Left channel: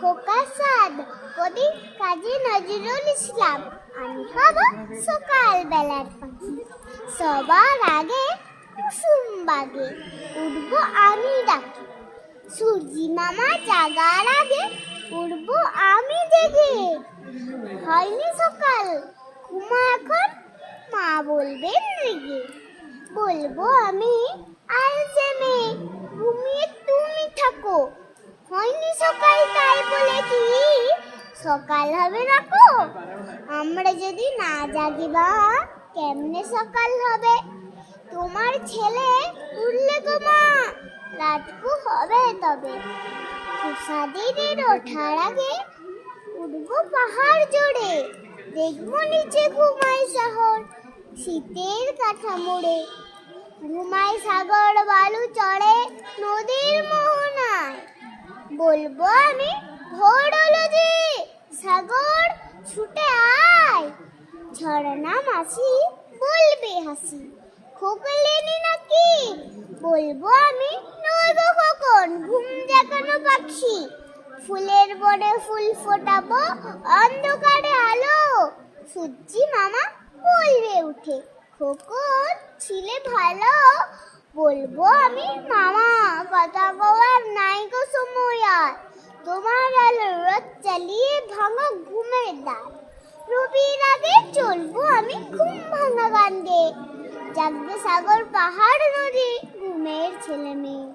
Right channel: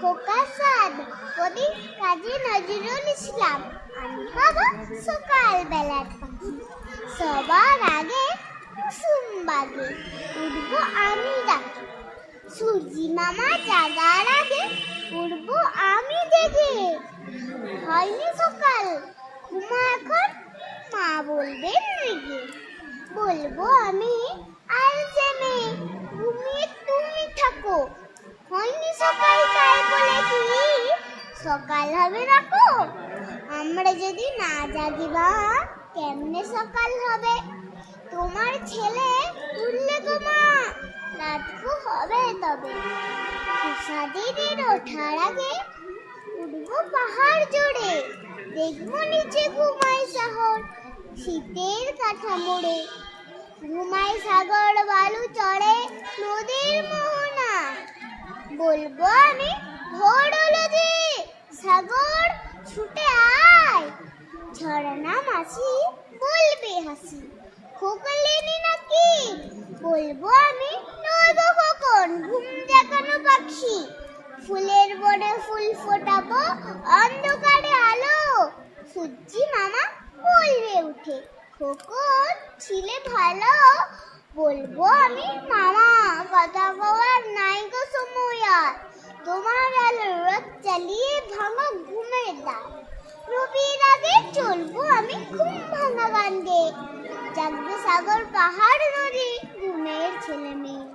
খোকা সাদ, কবি কাজী নজরুল ইসলাম। আমি হব সকালবেলার পাখি, সবার আগে কুসুম বাগে উঠবো আমি ডাকি। সূর্যি মামা জাগার আগে উঠবো আমি জেগে। হয়নি সকাল, ঘুমা এখন, মা বলবেন রেগে। বলবো আমি আর জেনে, ঘুমিয়ে তুমি থাকো। হয়নি সকাল তাই বলে কি সকাল হবে রাখো। আমরা যদি না জাগি বা কেমনে সকাল হবে। তোমার ছেলে উঠলে তোমার রাতকু হবে তবে। খোসা দিদির ওঠার আগে উঠবো পাহাড় জোড়ে। দেখবো নিচে ঘুমাই শহর শীতের কাঠা মোড়ে। ঘুমাই সাগর বালু চড়ে নদীর মোহনায়। বলবো আমি ভোর হলো যে, সাগর ছুটে আয়। ঝর্ণা মাসি বলবে হাসি, খোকলেনি নাকি। বলবো আমি নইব কখন, ঘুম দেখানো পাখি। ফুলের বনে ফুল ফোটাবো অন্ধকারে আলো। সূর্যি মামা বলবে উঠে, খোকন ছিলে ভালো। বলবো আমি মামা কথা কওয়ার নাই গো সময় আর। তোমার আলো রথ চালিয়ে ভাঙা ঘুমের দায়। রবির আগে চলবো আমি ঘুম ভাঙা গান গেয়ে। জাগবে সাগর পাহাড় নদী ঘুমের ছেলে মেয়ে।